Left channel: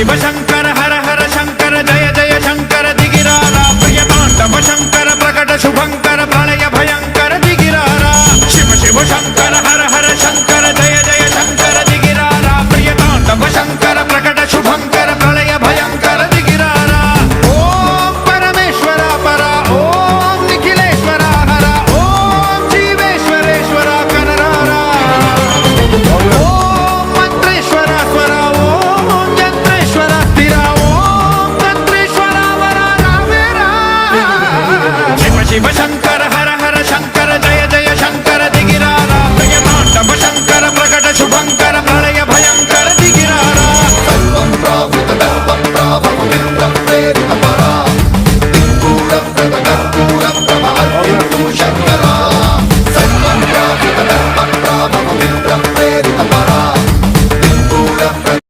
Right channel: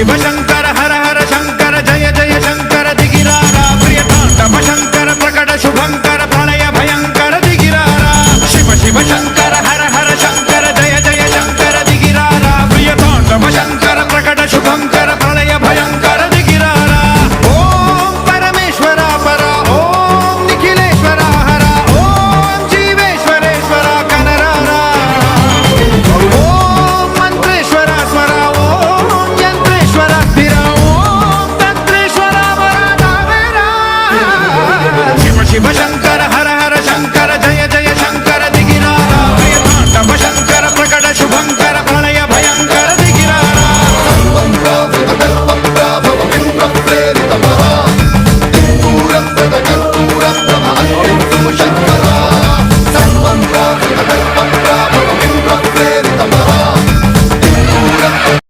शिव शंकर हर हर शंकर जय जय शंकर दिगिरारा प्रिय तांडव शंकर प्रकट शुभंकर प्रलय भयंकर दिगिरारा शिव शिव शंकर